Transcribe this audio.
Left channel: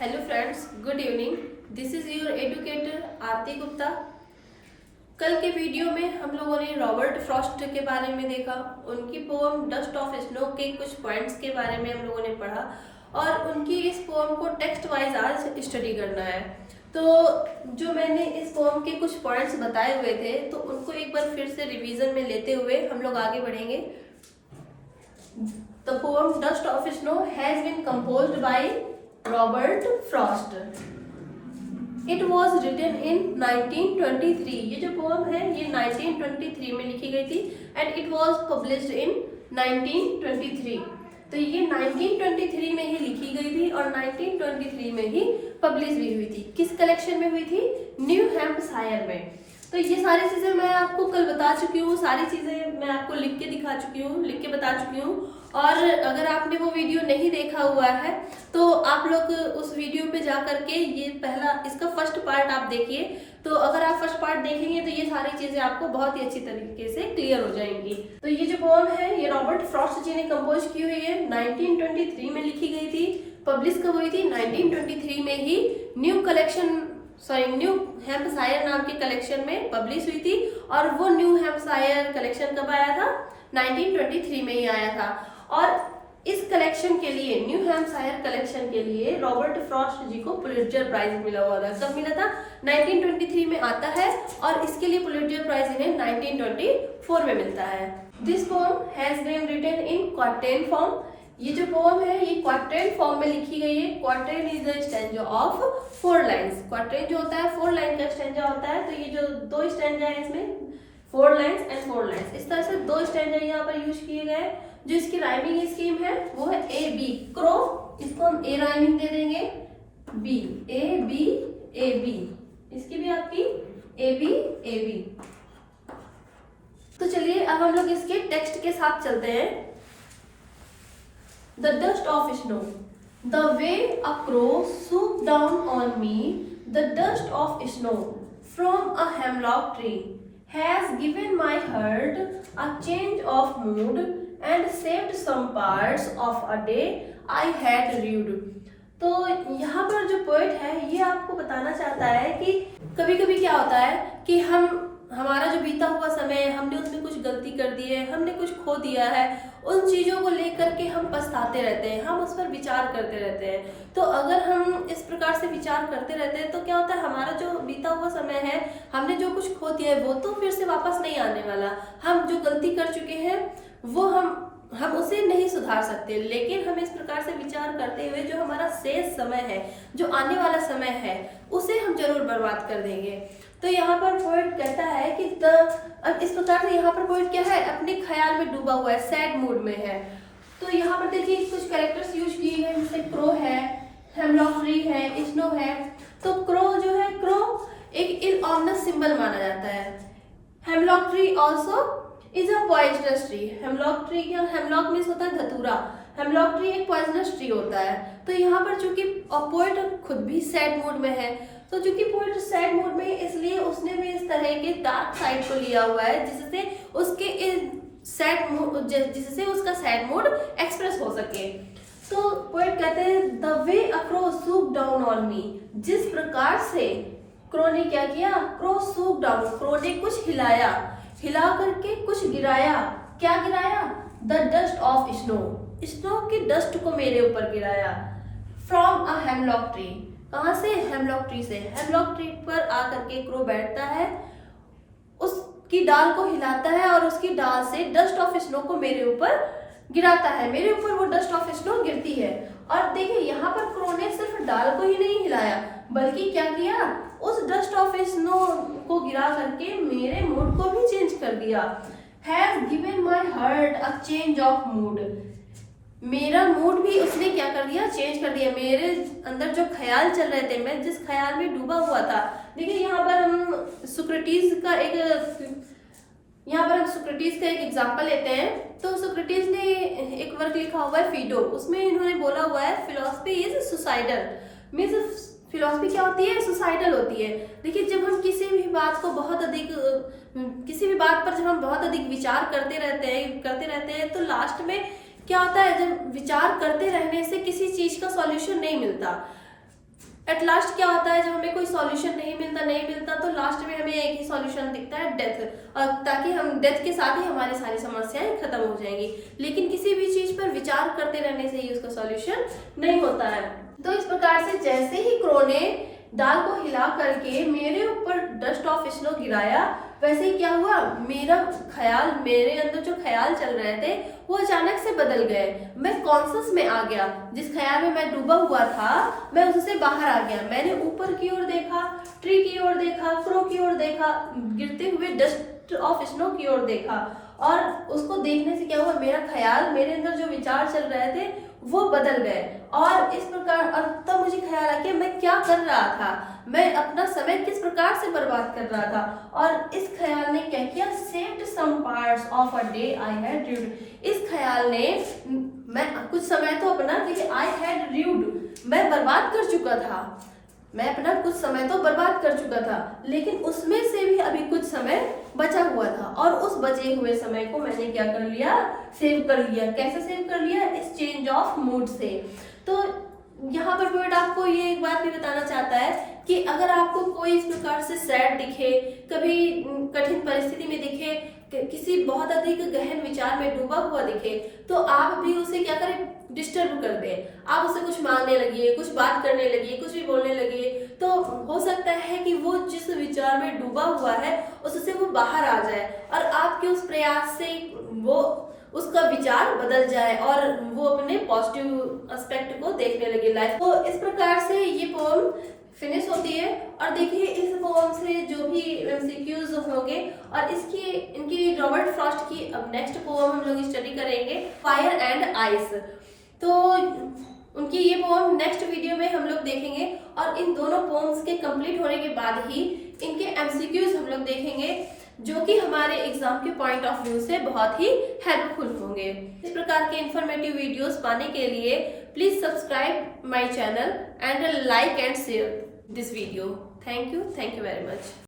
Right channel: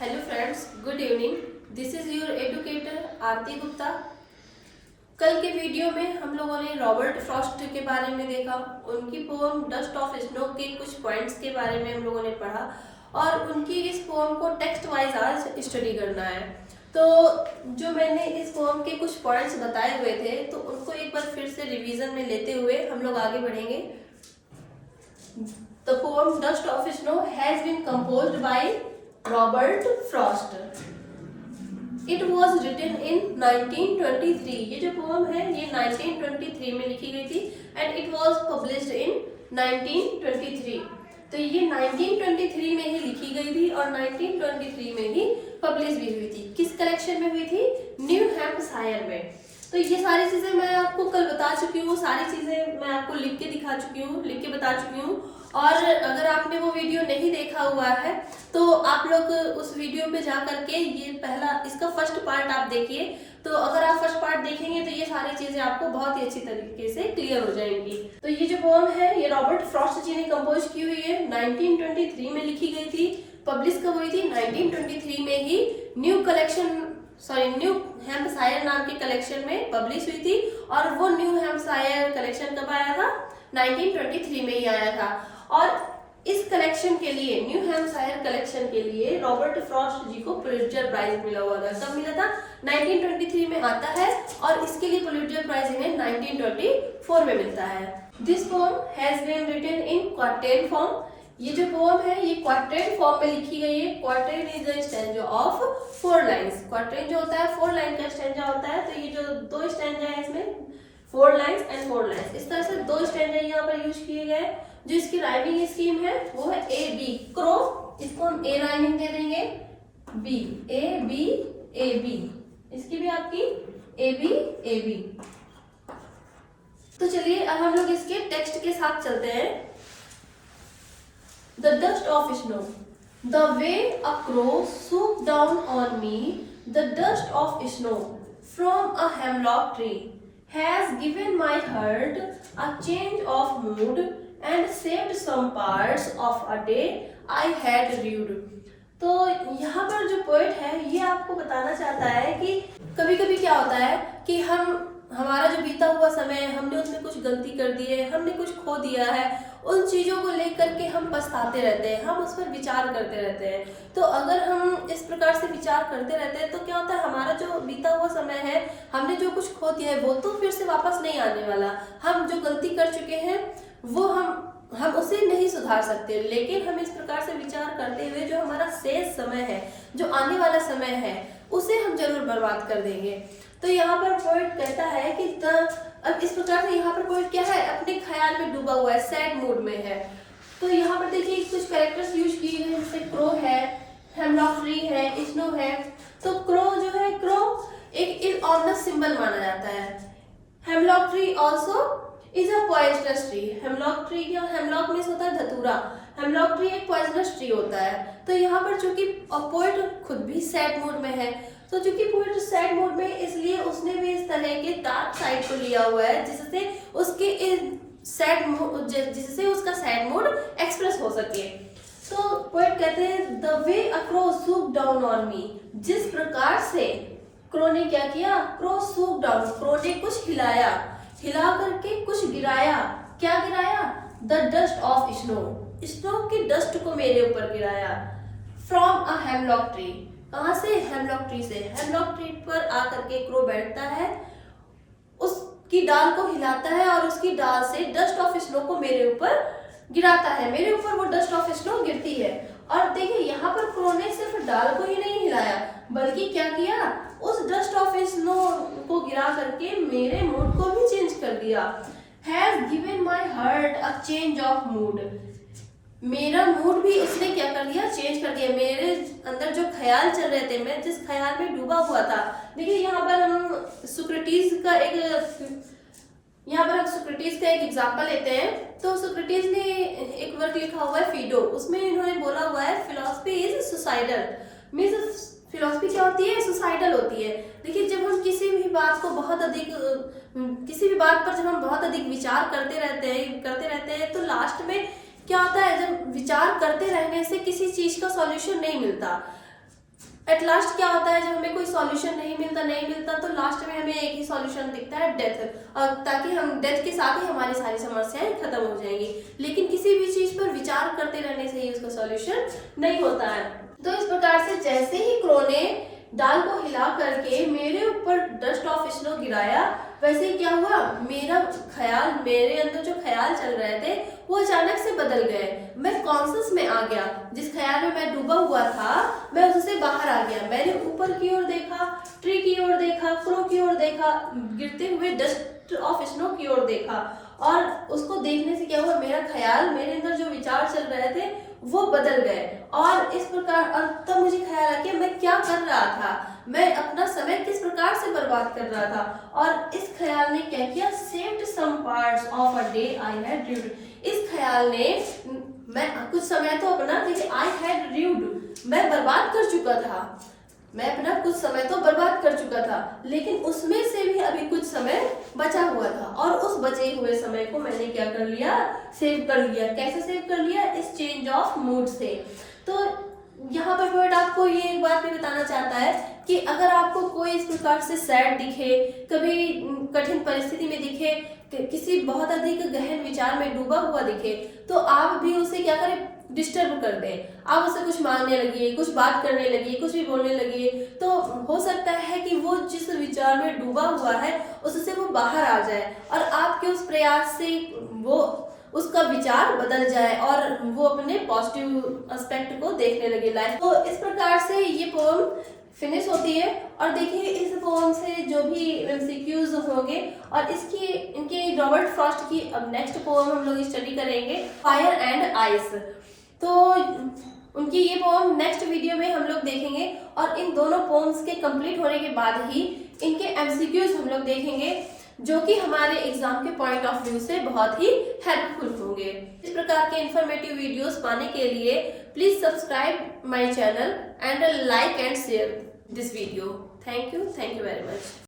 Hello friends, good evening. This is your educator Aarti Gupta. कल के video में हम लोगों ने रॉबर्ट फ्रॉस्ट के बारे में देखा, उनकी पोएम डस्ट ऑफ स्नो के कुछ पॉइंट्स के बारे में हम लोगों ने पढ़ा और उनकी इस पोएम को टेक्स्ट वाइज आज स्टडी करना है। तो जो मैंने इस पोएम के कुछ पॉइंट्स बताए हुए थे तो उनको एक बार फिर से रिवीजन में लेते हुए हम लोग आगे बढ़ेंगे। The poem dust of snow has been composed by Robert Frost. It was written in 1923। ये जो पोएम है ये 1923 में लिखी गई थी and it was published in 1923। तो ये 1923 में ही लिखी गई थी और 1923 में ही पब्लिश भी हुई थी। किस कलेक्शन में हुई थी? न्यू हैम्पशायर में। तो ये सारी चीजें मैं आपको कल बता चुकी हूँ, सारी चीजें मैं आपको लिख के दिखा चुकी हूँ, लिख के बता चुकी हूँ। और अगर आपने वो वीडियो नहीं देखा हुआ है तो आप लोग उस वीडियो पे जा करके ये पहला इसका फर्स्ट पार्ट आप देखिए। तो अगर आप फर्स्ट पार्ट देखेंगे तो ये सारी चीजें आपको बहुत ही अच्छी तरीके से क्लियर हो जाएंगी। तो ये जो पोएम है ये रॉबर्ट फ्रॉस्ट जी ने कंपोज की हुई है, 1923 में लिखी गई थी। पब्लिश कब हुई थी? 1923 में ही न्यू हैम्पशायर नाम के कलेक्शन में पब्लिश हुई थी। और वो न्यू हैम्पशायर कलेक्शन कब आया था? 1923 में ही आया था। और इस कलेक्शन के लिए, न्यू हैम्पशायर कलेक्शन के लिए रॉबर्ट फ्रॉस्ट जी को पुलिट्जर प्राइज मिला हुआ था। कब मिला था? 1923 में आता है और इसके लिए पुलिट्जर प्राइज इन्हें 1924 में मिलता है। This poem has been written in quatrain form. ये जो पोएम है ये क्वार्टेन फॉर्म में लिखी गई है। Quatrain is the stanza of 4 lines. Quatrain जो होता है 4 लाइन का स्टैंजा होता है। तो ये जो 2 स्टैंजा है इसमें 4 लाइन्स एंड 4 लाइन्स, इस तरह से 2 स्टैंजा यहाँ पर यूज किए गए। जो इसकी राइमिंग स्कीम है वो है ए बी। क्रो, इसको हम ए राइमिंग दे देंगे, B A B A B, इसकी भी आपकी ए बी ए बी। तो चलिए अब हम लोग इसके टेक्स्ट के साथ चलते हैं। The dust of snow, the way a crow swooped down on me, the dust of snow from a hemlock tree has given my heart a change of mood and saved some parts of a day I had lived। तो यहाँ पर जो poet है ये आपको बताना चाहता है कि कभी कभी क्या होता है कि हमारा जो बीता हुआ समय, हमने उसमें कुछ गलती कर दी है, हमने कुछ खो दिया है, उन चीज़ों को लेकर के हम पछताते रहते हैं, हम उस पर विचार करते रहते हैं। तो अगर हम इस प्रकार से विचार करते रहते हैं तो क्या होता है, हमारा जो बीता हुआ समय है, हमने जो कुछ खो दिया है वो तो फिर से वापस नहीं आने वाला। हम जो गलती कर चुके हैं वो हम उसे नहीं सुधार सकते। लेकिन हम इस प्रकार से विचार करते हुए जो हमारा शेष समय है, जो आने वाला समय है, उसे हम जरूर बर्बाद कर देंगे। तो यहाँ पर पोएट कहता है कि अब इस प्रकार से यहाँ पर पोएट क्या है, अपने ख्याल में डूबा हुआ है, सैड मूड में है। तो यहाँ पर देखिए कुछ कैरेक्टर्स यूज किए गए, जैसे क्रो है, हेमलॉक ट्री है, स्नो है। तो क्रो जो है, क्रो एक इलऑमनस सिंबल माना जाता है। Hemlock tree also is a poisonous tree. Hemlock tree क्या, हेमलॉक मीन्स होता है धतूरा। हेमलॉक ट्री एक पॉइजनस ट्री होता है। तो यहाँ पर चूंकि पोएट खुद भी सैड मूड में है, तो चूंकि पोएट सैड मूड में, इसलिए उसने भी इस तरह के डार्क साइड को लिया हुआ है जिससे उसका सैड मूड एक्सप्रेस हो सके। तो पोएट कहते हैं the way a crow swooped down on me. जिस प्रकार से क्रो ने क्या किया, क्रो swooped डाउन, क्रो ने कुछ हिला करके कुछ गिराया। क्या गिराया? The dust of snow, snow की डस्ट को मेरे ऊपर गिराया। फ्रॉम अ हेमलॉक ट्री, कहां से? हेमलॉक ट्री से। हेमलॉक ट्री पर आकर के क्रो बैठता है, उसकी डाल को हिलाता है और उसकी डाल से डस्ट ऑफ स्नो को मेरे ऊपर गिराता है। मेरे ऊपर वो डस्ट ऑफ स्नो गिरती है। और देखिए यहाँ पर क्रो ने सिर्फ डाल को ही नहीं हिलाया बल्कि क्या किया, उस डस्ट ऑफ स्नो को गिरा करके मेरे मूड को भी चेंज कर दिया। Has given my heart a change of mood, मेरा मूड भी उसने क्या कर दिया, चेंज कर दिया। मेरे अंदर जो ख्याल चल रहे थे, मैं जिस ख्याल में डूबा हुआ था। देखिए यहाँ पर हम सोक्रेटिस का एक एग्जाम्पल लेते हैं। तो सोक्रेटिस ने एक वर्क लिखा हुआ है फिडो, उसमें इन्होंने बोला हुआ है philosophy is suicidal. Means philosophy क्या होती है? सुसाइडल होती है। देखिए जब हम किसी भी बात पर जब हम बहुत अधिक विचार करते रहते हैं तो लास्ट में क्या होता है, जब विचार करते रहने से किसी चीज का सॉल्यूशन नहीं मिलता। एट लास्ट क्या होता है, जब हमें कोई सॉल्यूशन नहीं मिलता तो लास्ट में हमें एक ही सॉल्यूशन दिखता है, डेथ। और ताकि हम डेथ के साथ ही हमारी सारी समस्याएं खत्म हो जाएंगी। लेकिन किसी भी चीज पर विचार करते रहने से ही उसका सॉल्यूशन नहीं होता है। तो इस प्रकार से जैसे ही क्रो ने दाल को हिला करके मेरे ऊपर डस्ट ऑफ स्नो गिराया, वैसे ही क्या हुआ, मेरे अंदर जो ख्याल चल रहे थे वो अचानक से बदल गए। मैं कॉन्शियस में आ गया। जिस ख्याल में मैं डूबा हुआ था मैं उससे बाहर आ गया। मैंने ऊपर की ओर देखा, ट्री की ओर देखा, क्रो की ओर देखा, गिरते हुए डस्ट ऑफ स्नो की ओर देखा। और उसको देखने से क्या हुआ, मेरा ख्याल, मेरे अंदर जो विचार चल रहे थे वो बदल गए। और इस प्रकार, और तब मुझे ख्याल आया कि मैं क्या कर रहा था, मैं अपना समय किस प्रकार से बर्बाद कर रहा था। और इस ख्याल ने क्या किया, saved some parts of a day I had lived। इस ख्याल ने, मैं कुछ समय तो अपना, देखिए I had lived, मैं बर्बाद कर चुका था, मैं अपना कुछ समय तो बर्बाद कर चुका था, लेकिन उसमें से भी अभी कुछ समय बचा हुआ था। और उस बचे हुए समय को मैंने क्या कर लिया, सेव कर लिया। कैसे सेव कर लिया, इस चेंज ऑफ मूड से। तो यहाँ पर पोएट आपको ये एक बात भी बताना चाहता है कि अगर आपको कोई इस प्रकार से सैड दिखे, कभी कठिन परिस्थिति में दिखे, किसी बहुत अधिक गहन विचार में डूबा हुआ दिखे, तो आप भी उसे क्या करें, डिस्टर्ब कर दें। आप उससे कुछ मांगने लगिए, कुछ बात करने लगिए, कुछ भी बोलने लगिए, तो हो सकता है कि वो जिस विचार में डूबा हुआ है उससे वो बाहर आ जाए और आपके उस प्रयास से वो उसका विचार बदल जाए और वो अपने पॉजिटिव एस्पेक्ट को देखने लगे लाइफ। तो इस प्रकार से ये पोम फिनिश होती है। और देखिए इस पोम से जो भी एमसीक्यूज होंगे, और इनकी रॉबर्ट फ्रॉस्ट की अब नेक्स्ट पोम हम लोग स्टडी करेंगे, फायर एंड आइस। तो उनकी ये पोम नेक्स्ट वीडियो में हम लोग देखेंगे। और इन दोनों पोम्स के कंप्लीट होने के बाद ही इनके एमसीक्यूज हम लोग देखेंगे, जो कि हमारे एग्जाम के पॉइंट ऑफ व्यू से बहुत ही हेल्पफुल होंगे। इस प्रकार के इंफॉर्मेटिव वीडियोस पाने के लिए please subscribe my channel and like and share this video. Thank you very much.